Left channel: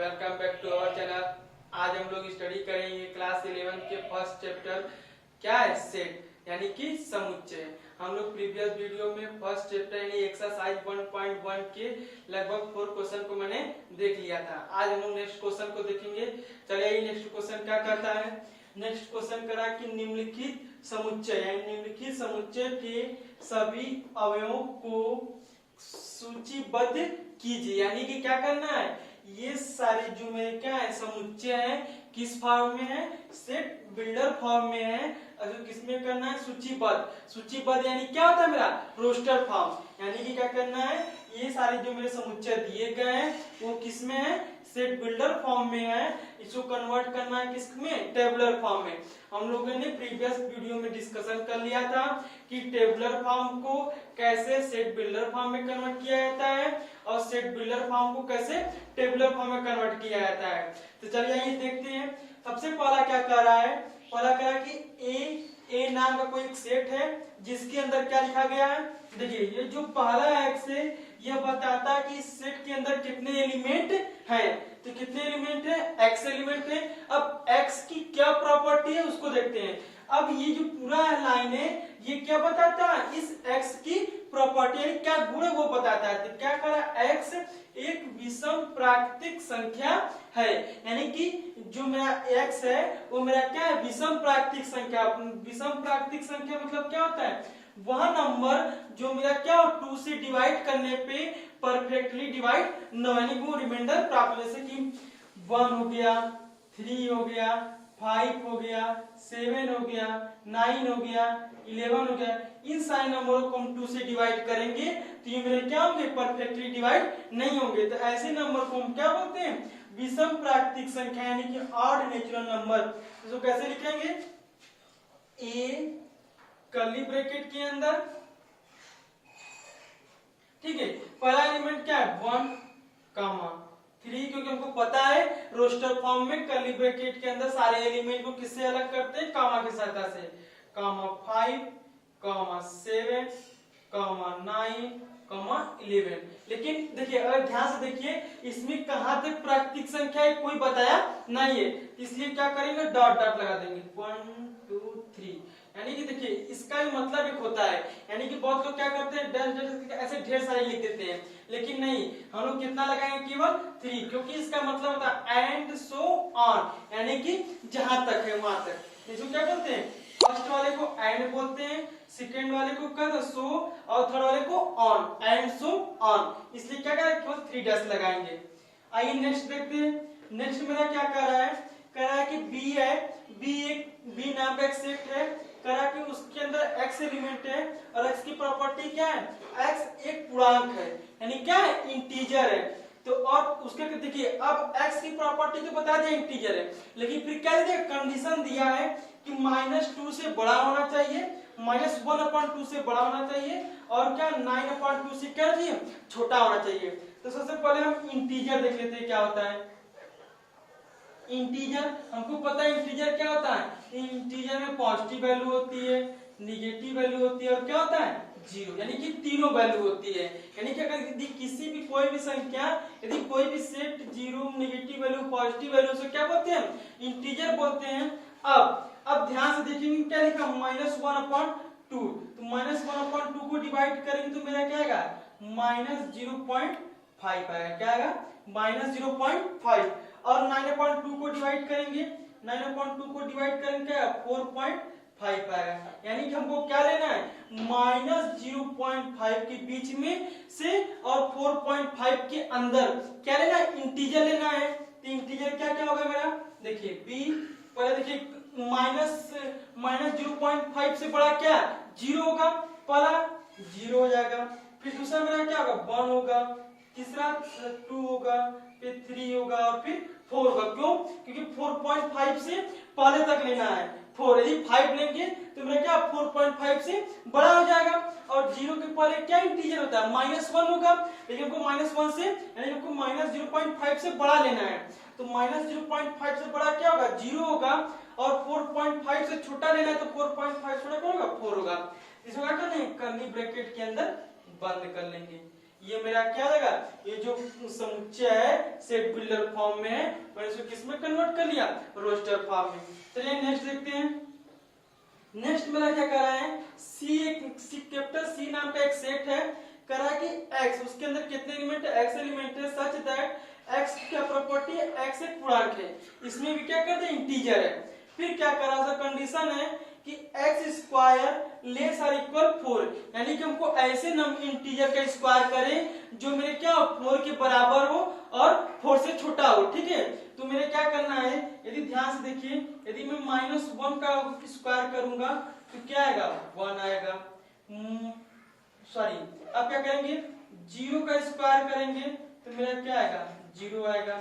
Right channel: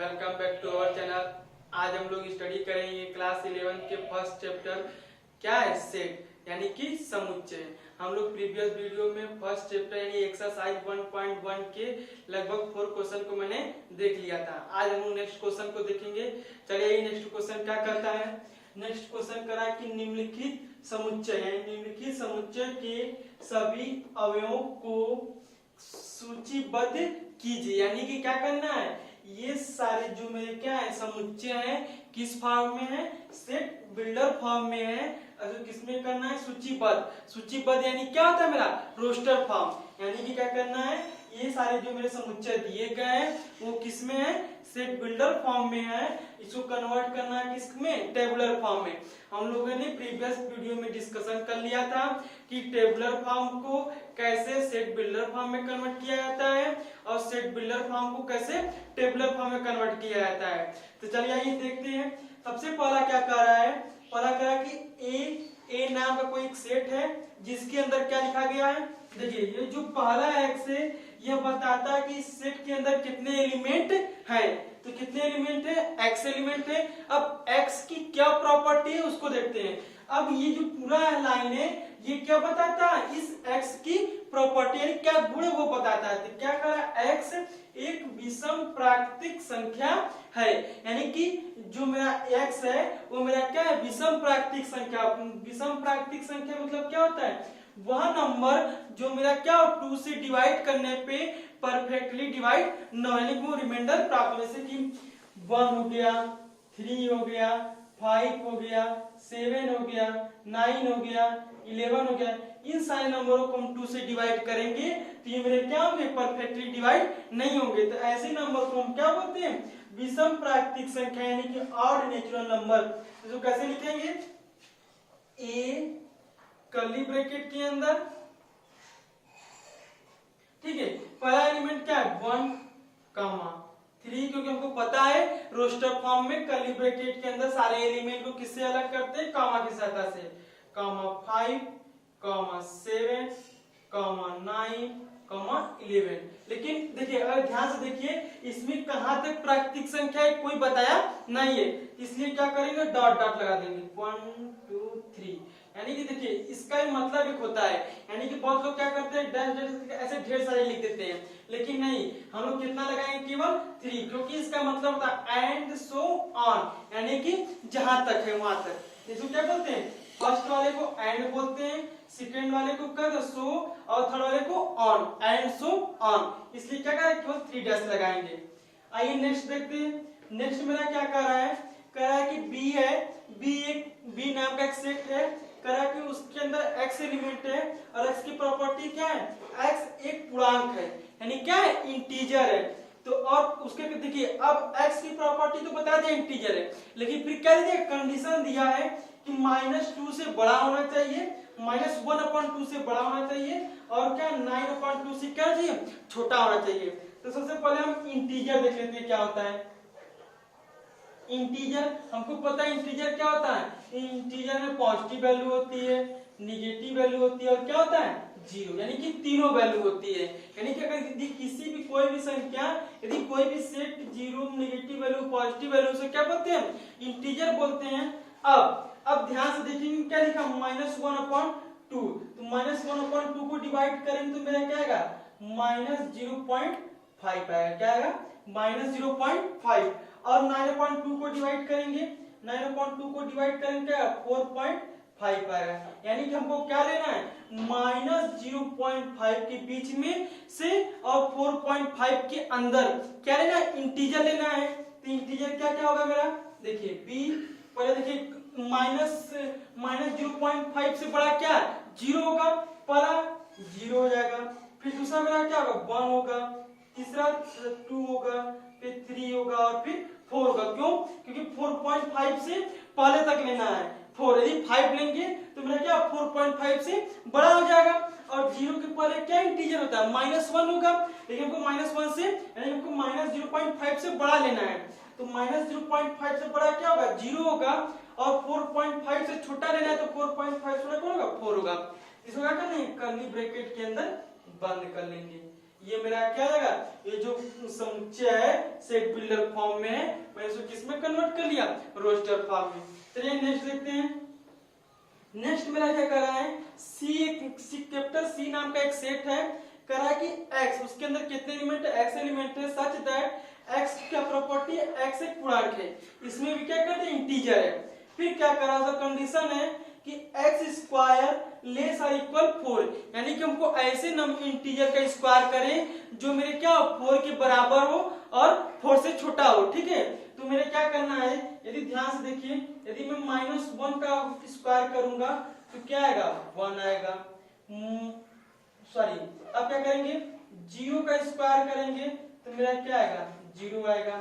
Welcome back to our channel. आज हम लोग स्टडी करेंगे क्लास 11 के फर्स्ट चैप्टर क्या है सेट यानी कि समुच्चय। हम लोग प्रीवियस वीडियो में फर्स्ट चैप्टर यानी एक्सरसाइज 1.1 के लगभग 4 क्वेश्चन को मैंने देख लिया था। आज हम लोग नेक्स्ट क्वेश्चन को देखेंगे। चलिए नेक्स्ट क्वेश्चन क्या करता है। नेक्स्ट क्वेश्चन करा कि निम्नलिखित समुच्चय यानी निम्नलिखित समुच्चय के सभी अवयवों को सूचीबद्ध कीजिए। यानी कि क्या करना है, ये सारे जो मेरे क्या है समुच्चय है किस फॉर्म में है, सेट बिल्डर फॉर्म में है। किसमें करना है, सूचीबद्ध। सूचीबद्ध यानी क्या होता है मेरा रोस्टर फॉर्म। यानी कि क्या करना है, ये सारे जो मेरे समुच्चय दिए गए हैं वो किसमें है, सेट बिल्डर फॉर्म में है। इसको कन्वर्ट करना है किसमें, टेबुलर फॉर्म में। हम लोगों ने प्रीवियस वीडियो में डिस्कशन कर लिया था कि टेबुलर फॉर्म को कैसे सेट बिल्डर फॉर्म में कन्वर्ट किया जाता है और सेट बिल्डर फॉर्म को कैसे टेबुलर फॉर्म में कन्वर्ट किया जाता है। तो चलिए आइए देखते हैं। सबसे पहला क्या कह रहा है, पहला कह रहा है कि ए नाम का कोई एक सेट है जिसके अंदर क्या लिखा गया है। देखिए ये जो पहला एक्स है यह बताता है कि इस सेट के अंदर कितने एलिमेंट हैं। तो कितने एलिमेंट है, एक्स एलिमेंट है। अब एक्स की क्या प्रॉपर्टी है उसको देखते हैं। अब ये जो पूरा लाइन है ये क्या बताता है, इस एक्स की प्रॉपर्टी यानी क्या गुण है वो बताता है। तो क्या करा, एक्स एक विषम प्राकृतिक संख्या है। यानी कि जो मेरा एक्स है वो मेरा क्या है, विषम प्राकृतिक संख्या। विषम प्राकृतिक संख्या मतलब क्या होता है, वह नंबर जो मेरा क्या हो 2 से डिवाइड करने पे परफेक्टली डिवाइड न यानी वो रिमाइंडर प्राप्त, जैसे कि 1 हो गया, 3 हो गया, 5 हो गया, 7 हो गया, 9 हो गया, 11 हो गया। इन सारे नंबरों को हम 2 से डिवाइड करेंगे तो ये मेरे क्या होंगे, परफेक्टली डिवाइड नहीं होंगे। तो ऐसे नंबर को हम क्या बोलते हैं, विषम प्राकृतिक संख्या यानी कि ऑड नेचुरल नंबर। इसको कैसे लिखेंगे, ए कर्ली ब्रैकेट के अंदर, ठीक है, पहला एलिमेंट क्या है 1 कामा 3, क्योंकि हमको पता है रोस्टर फॉर्म में कर्ली ब्रैकेट के अंदर सारे एलिमेंट को किससे अलग करते हैं, कामा की सहायता से। कामा 5 कामा 7 कामा 9 कामा 11। लेकिन देखिए अगर ध्यान से देखिए इसमें कहां तक प्राकृतिक संख्या है कोई बताया नहीं है, इसलिए क्या करेंगे डॉट डॉट लगा देंगे 1 2 3। यानी कि देखिए इसका भी मतलब एक होता है, यानी कि बहुत लोग क्या करते हैं डैश डैश ऐसे ढेर सारे लिख देते हैं, लेकिन नहीं हम लोग कितना लगाएंगे, केवल 3, क्योंकि इसका मतलब होता है एंड सो ऑन, यानी कि जहां तक है वहां तक। इसको क्या बोलते हैं, फर्स्ट वाले को एंड बोलते हैं, सेकंड वाले को कर सो और थर्ड वाले को ऑन, एंड सो ऑन। इसलिए क्या करें, केवल 3 डैश लगाएंगे। आइए नेक्स्ट देखते हैं। नेक्स्ट मेरा क्या कह रहा है, कह रहा है कि बी है, बी नाम का एक सेट है, कह रहा है कि उसके अंदर एक्स एलिमेंट है और एक्स की प्रॉपर्टी क्या है, एक्स एक पूर्णांक है यानी क्या है, इंटीजर है। तो अब उसके देखिए अब x की प्रॉपर्टी तो बता दिया इंटीजर है, लेकिन फिर क्या दिया, कंडीशन दिया है कि -2 से बड़ा होना चाहिए, -1/2 से बड़ा होना चाहिए और क्या 9/2 से क्या चाहिए, छोटा होना चाहिए। तो सबसे पहले हम इंटीजर देख लेते हैं क्या होता है। इंटीजर हमको पता है इंटीजर क्या होता है, इंटीजर में पॉजिटिव वैल्यू होती है, निगेटिव वैल्यू होती है और क्या होता है 0, यानी कि तीनों वैल्यू होती है। यानी कि अगर यदि किसी भी कोई भी संख्या यदि कोई भी set 0 negative value positive value से क्या बोलते हैं, इंटीजर बोलते हैं। अब ध्यान से देखेंगे क्या लिखा, -1/2। तो -1/2 को डिवाइड करेंगे तो मेरा क्या आएगा, -0.5 आएगा। क्या आएगा, -0.5। और 9/2 को डिवाइड करेंगे, 9/2 को डिवाइड करेंगे क्या 4.5 आएगा। यानी कि हमको क्या लेना है, -0.5 के बीच में से और 4.5 के अंदर क्या लेना है, इंटीजर लेना है। तो इंटीजर क्या क्या होगा मेरा, देखिए बी पहले देखिए -0.5 से बड़ा क्या 0 होगा, पहला 0 हो जाएगा, फिर दूसरा मेरा क्या होगा 1 होगा, तीसरा 2 होगा, फिर 3 होगा और फिर 4 होगा। क्यों, क्योंकि 4.5 से पहले तक लेना है 4। यदि 5 लेंगे तो मेरा क्या 4.5 से बड़ा हो जाएगा। और 0 के पहले क्या इंटीजर होता है, -1 होगा, लेकिन हमको -1 से यानी हमको -0.5 से बड़ा लेना है। तो -0.5 से बड़ा क्या होगा 0 होगा और 4.5 से छोटा लेना है तो 4.5 छोटा कौन होगा 4 होगा। इसको क्या करना है, कर्ली ब्रैकेट के अंदर बंद कर लेंगे। ये मेरा क्या हो जाएगा, ये जो समुच्चय है सेट बिल्डर फॉर्म में है, मैंने इसको किसमें कन्वर्ट कर लिया, रोस्टर फॉर्म में। चलिए नेक्स्ट देखते हैं। नेक्स्ट मेरा क्या कर रहा है, कैपिटल सी नाम का एक सेट है, कह रहा है कि x उसके अंदर कितने एलिमेंट है, x एलिमेंट है, सच दैट x क्या प्रॉपर्टी है, x एक पूर्णांक है, इसमें भी क्या करते हैं इंटीजर है। फिर क्या कर रहा है, कंडीशन है कि x square less are equal 4, यानी कि हमको ऐसे इंटीजर का स्क्वायर करें जो मेरे क्या 4 के बराबर हो और 4 से छोटा हो, ठीक है। तो मेरे क्या करना है, यदि ध्यान से देखिए, यदि मैं -1 का स्क्वायर करूंगा तो क्या आएगा, 1 आएगा। सॉरी, अब क्या करेंगे, 0 का स्क्वायर करेंगे तो मेरा क्या आएगा, 0 आएगा।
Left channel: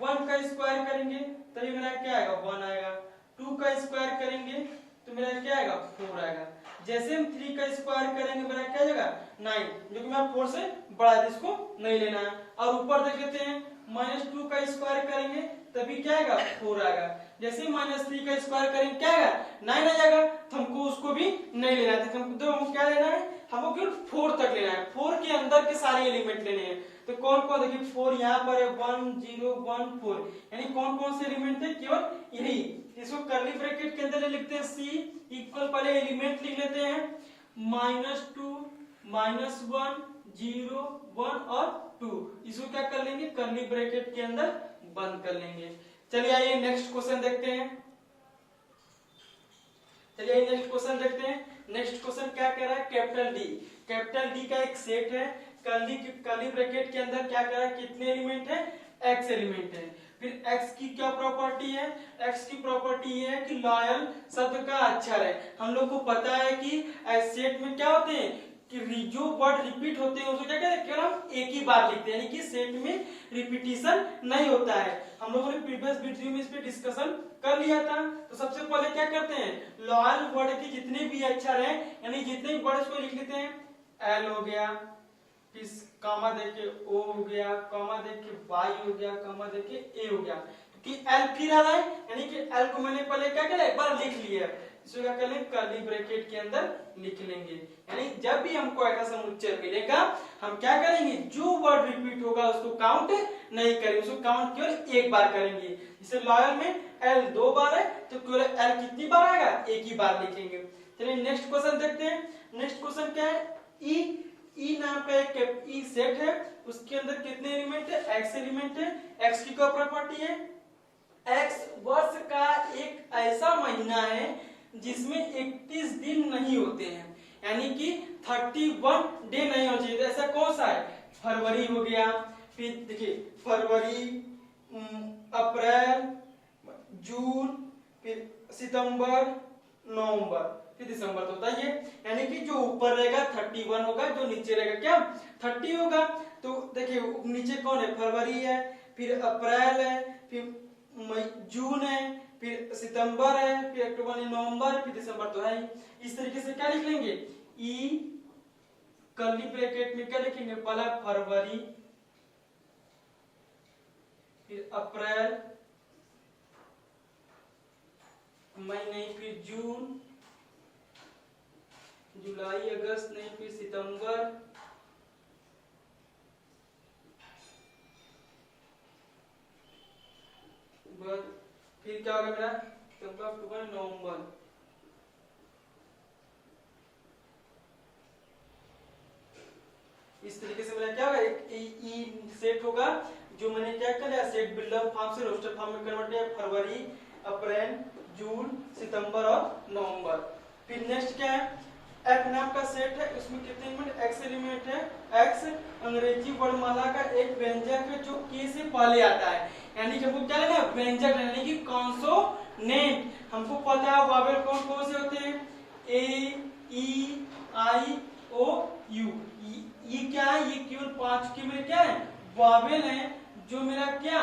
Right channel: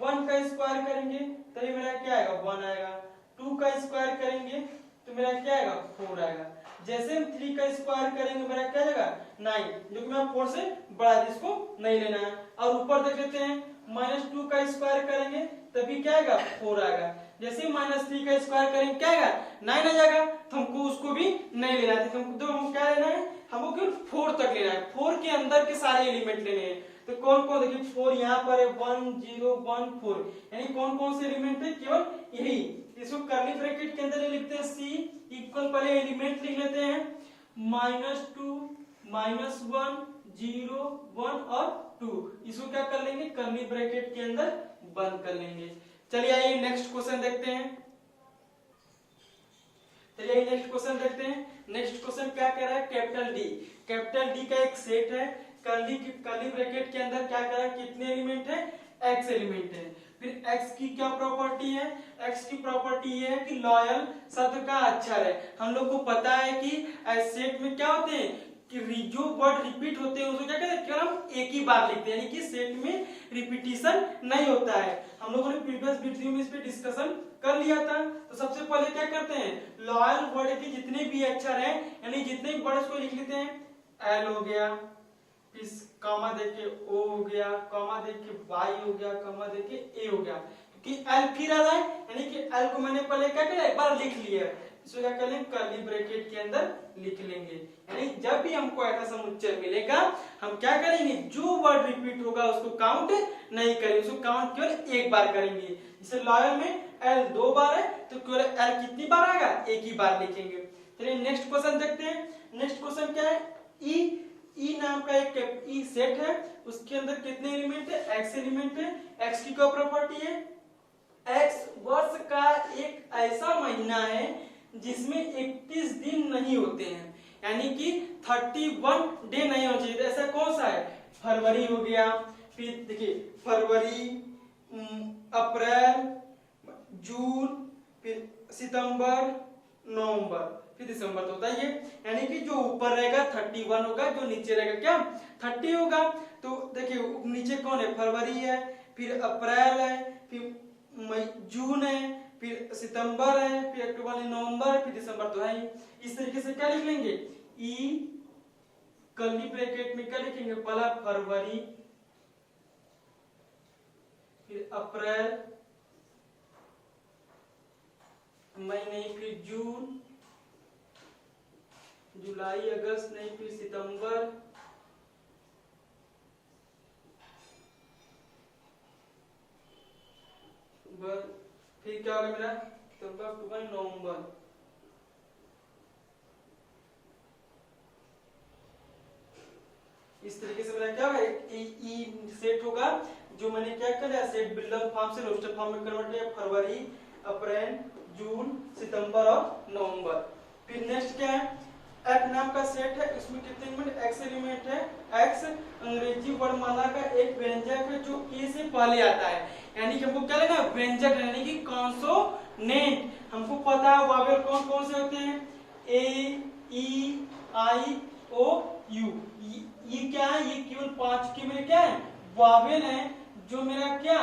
1 का स्क्वायर करेंगे तो मेरा क्या आएगा, 1 आएगा। 2 का स्क्वायर करेंगे तो मेरा क्या आएगा, 4 आएगा। जैसे हम 3 का स्क्वायर करेंगे मेरा क्या आएगा, 9, जो कि मैं 4 से बड़ा है, इसको नहीं लेना है। और ऊपर देख लेते हैं, -2 का स्क्वायर करेंगे तभी क्या आएगा, 4 आएगा। जैसे -3 का स्क्वायर करेंगे क्या आएगा, 9 आ जाएगा। तो हमको उसको भी नहीं लेना है, तो हमको क्या लेना है, हमको केवल 4 तक लेना है, 4 के अंदर के सारे एलिमेंट लेने हैं। तो कौन कौन, देखिए 4 यहाँ पर है, 1 0 1 4, यानी कौन कौन से एलिमेंट है, केवल यही। इसको कर्ली ब्रैकेट के अंदर लिखते हैं सी इक्वल, पहले एलिमेंट लिख लेते हैं, -2 -1 0 1 और 2, इसको क्या कर लेंगे, कर्ली ब्रैकेट के अंदर बंद कर लेंगे। चलिए आइए नेक्स्ट क्वेश्चन देखते हैं। चलिए नेक्स्ट क्वेश्चन देखते हैं। नेक्स्ट क्वेश्चन क्या कह रहा है, कैपिटल डी का एक सेट है, कर्ली ब्रैकेट के अंदर क्या कह रहा है, कितने एलिमेंट है, x एलिमेंट है। फिर x की क्या प्रॉपर्टी है, x की प्रॉपर्टी ये है कि लॉयल शब्द का अक्षर है। हम लोग को पता है कि सेट में क्या होते हैं कि जो वर्ड रिपीट होते हैं उसको क्या कहते हैं, हम एक ही बार लिखते हैं, यानी कि सेट में रिपीटिशन नहीं होता है। हम लोगों ने प्रीवियस वीडियो में इस पे डिस्कशन कर लिया था। तो सबसे पहले क्या करते हैं, लॉयल वर्ड के जितने भी अक्षर हैं, यानी जितने भी वर्ड को लिख लेते हैं, एल हो गया, फिर कामा देके ओ हो गया, कामा देके वाई हो गया, कामा देके ए हो गया, कि एल फिर आ जाए, यानी कि एल को मैंने पहले क्या किया, एक बार लिख लिया, इसको क्या कर लेंगे, कर्ली ब्रैकेट के अंदर लिख लेंगे। यानी जब भी हमको ऐसा समुच्चय मिलेगा, हम क्या करेंगे, जो वर्ड रिपीट होगा उसको काउंट नहीं करेंगे, उसको काउंट केवल एक बार करेंगे। जैसे लॉयल में एल 2 बार है तो केवल एल कितनी बार आएगा, एक ही बार लिखेंगे। चलिए नेक्स्ट क्वेश्चन देखते हैं। नेक्स्ट क्वेश्चन क्या है, ई नाम का एक ई सेट है, उसके अंदर कितने एलिमेंट है, एक्स एलिमेंट है। एक्स की क्या प्रॉपर्टी है, एक्स वर्ष का एक ऐसा महीना है जिसमें 31 दिन नहीं होते हैं, यानी कि 31 डे नहीं होना चाहिए। ऐसा कौन सा है, फरवरी हो गया, फिर देखिए फरवरी, अप्रैल, जून, फिर सितंबर, नवंबर, फिर दिसंबर, तो होता है ये। यानी कि जो ऊपर रहेगा 31 होगा, जो नीचे रहेगा क्या 30 होगा। तो देखिए नीचे कौन है, फरवरी है, फिर अप्रैल है, फिर जून है, फिर सितंबर है, फिर अक्टूबर, नवंबर, फिर दिसंबर, तो है। इस तरीके से क्या लिख लेंगे, ई कर्ली ब्रैकेट में क्या लिखेंगे, पहला फरवरी, फिर अप्रैल, मई नहीं, फिर जून, जुलाई, अगस्त नहीं, फिर सितंबर, फिर क्या होगा मेरा, सितंबर, अक्टूबर, नवंबर। इस तरीके से मेरा क्या होगा, एक ई सेट होगा, जो मैंने क्या कर लिया, सेट बिल्डर फॉर्म से रोस्टर फॉर्म में कन्वर्ट किया, फरवरी, अप्रैल, जून, सितंबर और नवंबर। फिर नेक्स्ट क्या है, एक्स नाम का सेट है, इसमें कितने एलिमेंट, एक्स एलिमेंट है। एक्स अंग्रेजी वर्णमाला का एक व्यंजक है जो के से पहले आता है, यानी कि हमको क्या लेना, व्यंजक, यानी कि कॉन्सोनेंट। हमको पता है वावेल कौन कौन से होते हैं, ए, ई, आई, ओ, यू। ये क्या है, ये केवल 5 के मेरे क्या है, वावेल है, जो मेरा क्या,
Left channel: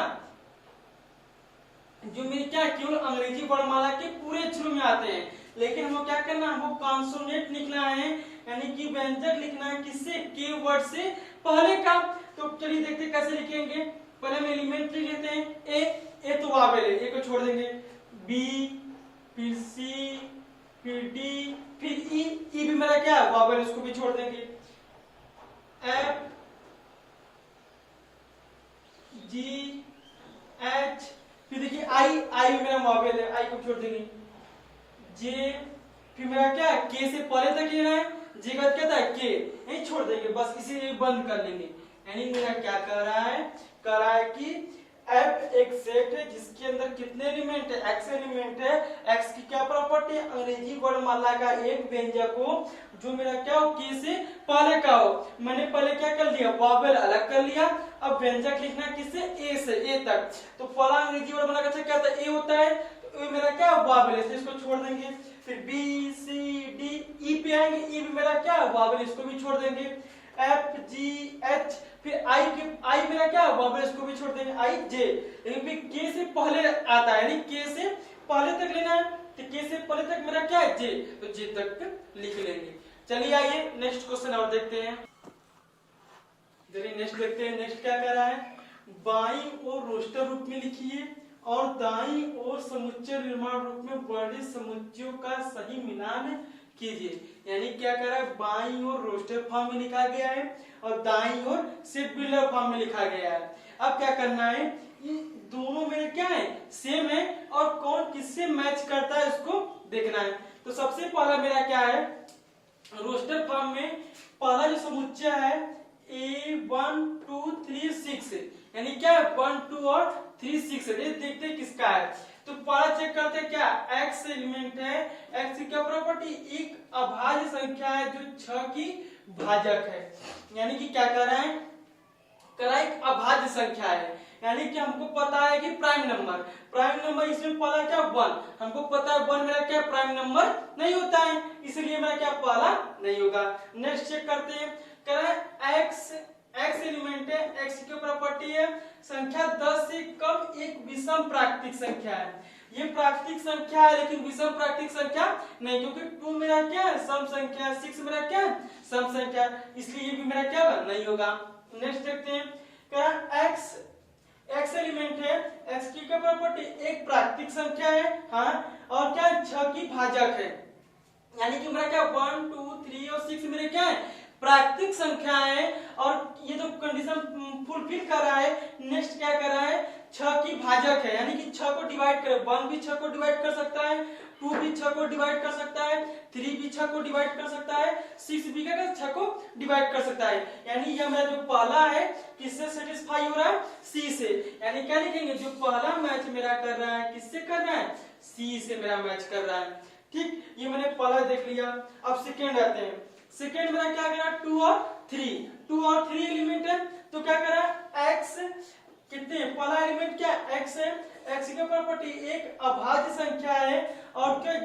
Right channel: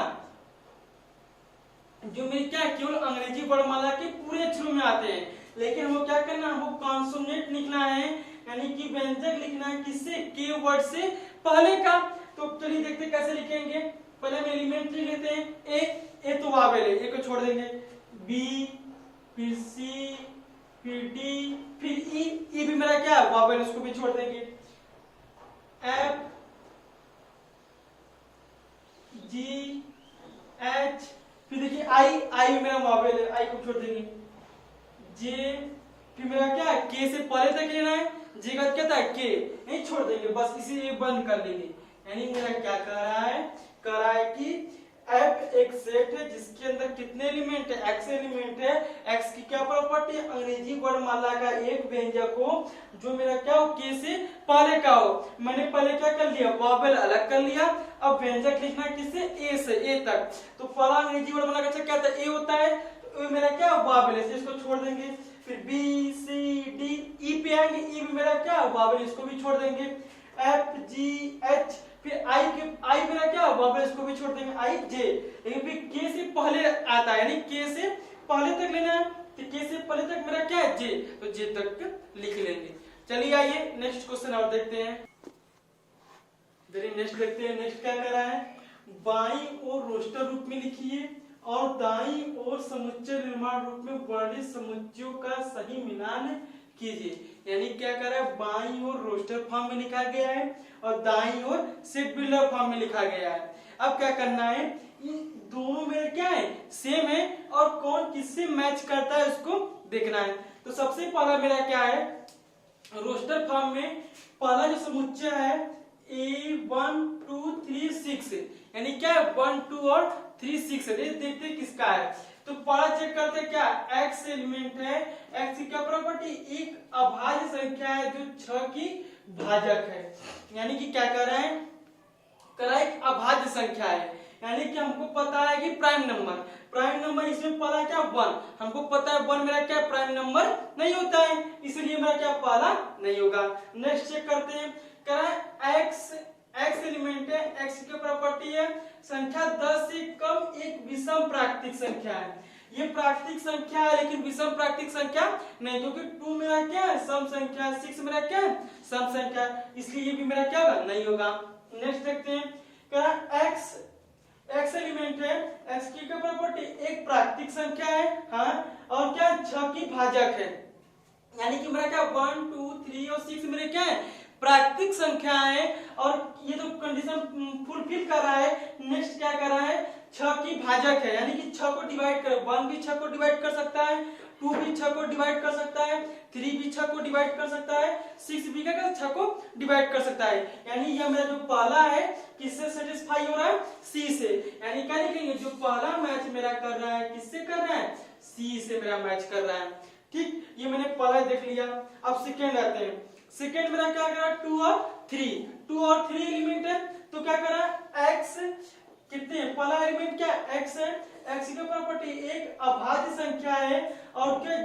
केवल अंग्रेजी वर्णमाला के पूरे अक्षरों में आते हैं। लेकिन हमको क्या करना है, हमको कॉन्सोनेंट लिखना है, यानी कि व्यंजक लिखना है, किससे, के वर्ड से पहले का। तो चलिए देखते कैसे लिखेंगे। पहले हम एलिमेंट लिख लेते हैं, ए तो वावेल है, ए को छोड़ देंगे, बी, फिर सी, फिर डी, फिर ई भी मेरा क्या है वावेल, उसको भी छोड़ देंगे, एफ, G H, फिर देखिए आई मेरा मॉवेल है, आई को छोड़ देंगे, J, फिर मेरा क्या है K से पहले तक लेना है, J का क्या था K, नहीं छोड़ देंगे, बस इसे एक बंद कर लेंगे। यानी मेरा क्या कर रहा है कि F एक सेट है जिसके अंदर कितने एलिमेंट है, X एलिमेंट है। X की क्या प्रॉपर्टी है, अंग्रेजी वर्णमाला का एक व्यंजक हो जो मेरा क्या हो K से पहले का हो। मैंने पहले क्या कर लिया, वॉवेल अलग कर लिया, अब व्यंजक लिखना है किससे, A से, A तक। तो पहला अंग्रेजी वर्णमाला का क्या होता है, A होता है, तो A मेरा क्या वॉवेल है, इसको छोड़ देंगे। फिर B C D E पे आएंगे, E भी मेरा क्या वॉवेल, इसको भी छोड़ देंगे। F G H, फिर आई मेरा क्या वॉवेल, इसको भी छोड़ देंगे, I J। लेकिन फिर K से पहले आता है, यानी K से पहले तक लेना है, तो K से पहले तक मेरा क्या है J, तो J तक लिख लेंगे। चलिए आइए नेक्स्ट क्वेश्चन और देखते हैं। नेक्स्ट देखते हैं, नेक्स्ट क्या कर रहा है, बाईं ओर रोस्टर रूप में लिखिए और दाईं ओर समुच्चय निर्माण रूप में वर्णित समुच्चयों का सही मिलान कीजिए। यानी क्या कर रहा है, बाईं ओर रोस्टर फॉर्म में लिखा गया है और दाईं ओर सेट बिल्डर फॉर्म में लिखा गया है। अब क्या करना है, इन दोनों में क्या है सेम है और कौन किससे मैच करता है उसको देखना है। तो सबसे पहला मेरा क्या है, रोस्टर फॉर्म में पहला जो समुच्चय है A1 2 3 6, यानी क्या है 1 2 और 3 6 है, देखते हैं किसका है। तो पहला चेक करते हैं, क्या x एलिमेंट है, x की क्या प्रॉपर्टी, एक अभाज्य संख्या है जो 6 की भाजक है। यानी कि क्या कर रहा है, एक अभाज्य संख्या है, यानी कि हमको पता है कि प्राइम नंबर इसमें पहला क्या 1, हमको पता है 1 मेरा क्या प्राइम नंबर नहीं होता है, इसलिए मेरा क्या पहला नहीं होगा। नेक्स्ट चेक करते हैं, कह रहा है x एलिमेंट है, x की प्रॉपर्टी है संख्या 10 से कम एक विषम प्राकृतिक संख्या है। ये प्राकृतिक संख्या है लेकिन विषम प्राकृतिक संख्या नहीं, क्योंकि 2 मेरा क्या है सम संख्या है, 6 मेरा क्या है सम संख्या, इसलिए ये भी मेरा क्या नहीं होगा। नेक्स्ट देखते हैं, क्या x एलिमेंट है, x की क्या प्रॉपर्टी, एक प्राकृतिक संख्या है, हाँ, और क्या 6 की भाजक है, यानी कि मेरा क्या 1 2 3 और 6 मेरे क्या है प्राकृतिक संख्या है और ये तो कंडीशन फुलफिल कर रहा है। नेक्स्ट क्या कर रहा है, 6 की भाजक है, यानी कि 6 को डिवाइड कर, 1 भी 6 को डिवाइड कर सकता है, 2 भी 6 को डिवाइड कर सकता है, 3 भी 6 को डिवाइड कर सकता है, 6 भी क्या 6 को डिवाइड कर सकता है। यानी यह मेरा जो पहला है किससे सेटिस्फाई हो रहा है, C से। यानी क्या लिखेंगे, जो पहला मैच मेरा कर रहा है किससे कर रहा है, C से मेरा मैच कर रहा है। ठीक, ये मैंने पहला देख लिया। अब सेकेंड आते हैं, सेकेंड मेरा क्या कर रहा है 2 और 3 एलिमेंट है, तो क्या कर रहा है x कितने, पहला एलिमेंट क्या x है, x की प्रॉपर्टी एक अभाज्य संख्या है और क्या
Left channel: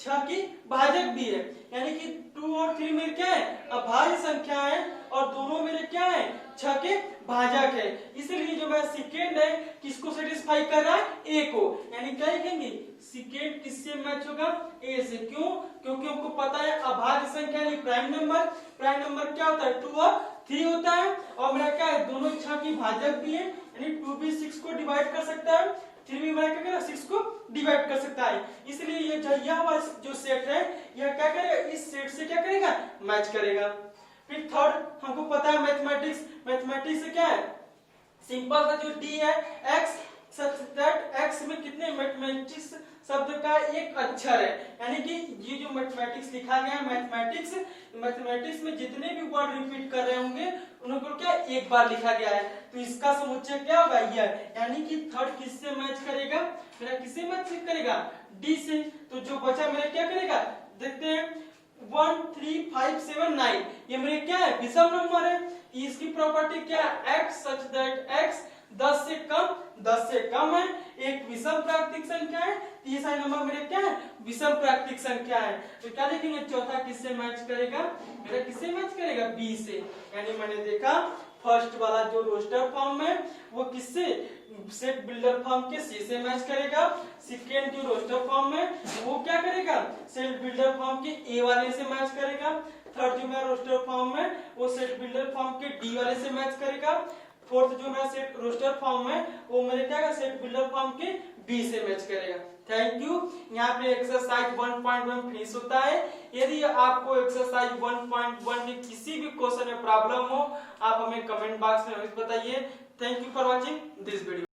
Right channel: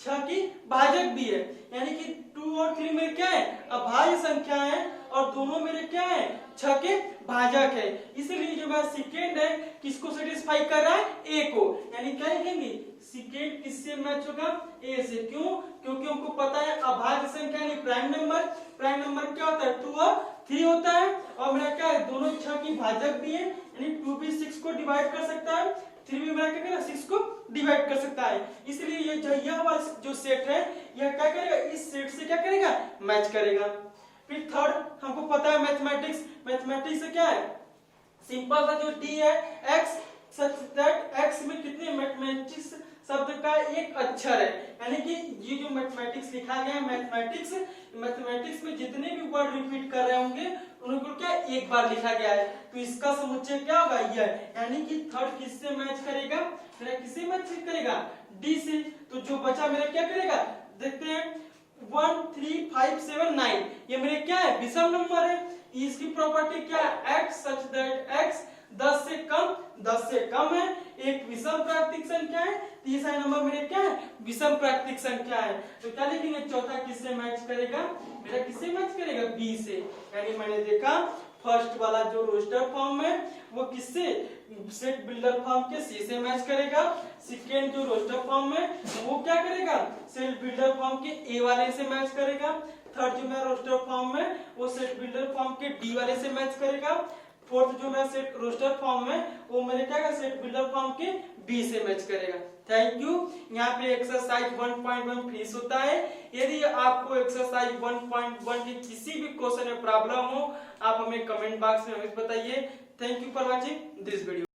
6 की भाजक भी है, यानी कि 2 और 3 में क्या है अभाज्य संख्या है और दोनों मेरे क्या है 6 के भाजक है, इसलिए जो मेरा सेकेंड है किसको सेटिस्फाई कर रहा है, a को। यानी क्या लिखेंगे, सेकेंड किससे मैच होगा, a से। क्यों, क्योंकि हमको पता है अभाज्य संख्या यानी प्राइम नंबर क्या होता है 2 और 3 होता है और मेरा क्या है दोनों 6 की भाजक भी है, यानी 2 भी 6 को डिवाइड कर सकता है, 3 भी मेरा क्या 6 को डिवाइड कर सकता है, इसलिए ये यह वाला जो सेट है यह क्या करेगा, इस सेट से क्या करेगा मैच करेगा। फिर थर्ड हमको पता है मैथमेटिक्स से क्या है सिंपल सा जो D है x सच दैट x में कितने मैथमेटिक्स शब्द का एक अक्षर है, यानी कि ये जो मैथमेटिक्स लिखा गया है मैथमेटिक्स में जितने भी वर्ड रिपीट कर रहे होंगे उनको क्या एक बार लिखा गया है, तो इसका समुच्चय क्या होगा यह, यानी कि थर्ड किससे मैच करेगा, मेरा किससे मैच करेगा D से। तो जो बचा मेरा क्या करेगा देखते हैं 1 3 5 7 9 ये मेरे क्या है विषम नंबर है, इसकी प्रॉपर्टी क्या है x सच दैट x 10 से कम है, एक विषम प्राकृतिक संख्या है, तीसरा नंबर मेरे क्या है विषम प्राकृतिक संख्या है, तो क्या लिखेंगे चौथा किससे मैच करेगा, मेरा किससे मैच करेगा B से। यानी मैंने देखा फर्स्ट वाला जो रोस्टर फॉर्म है वो किससे सेट बिल्डर फॉर्म के C से मैच करेगा, सेकेंड जो रोस्टर फॉर्म है वो क्या करेगा सेट बिल्डर फॉर्म के A वाले से मैच करेगा, थर्ड जो मेरा रोस्टर फॉर्म है वो सेट बिल्डर फॉर्म के D वाले से मैच करेगा, फोर्थ जो मेरा सेट रोस्टर फॉर्म है वो मेरे क्या सेट बिल्डर फॉर्म के B से मैच करेगा। Thank you. यहाँ पे एक्सरसाइज 1.1 फिनिश होता है। यदि आपको एक्सरसाइज 1.1 में किसी भी क्वेश्चन में प्रॉब्लम हो आप हमें कमेंट बॉक्स में बताइए। Thank you for watching this video.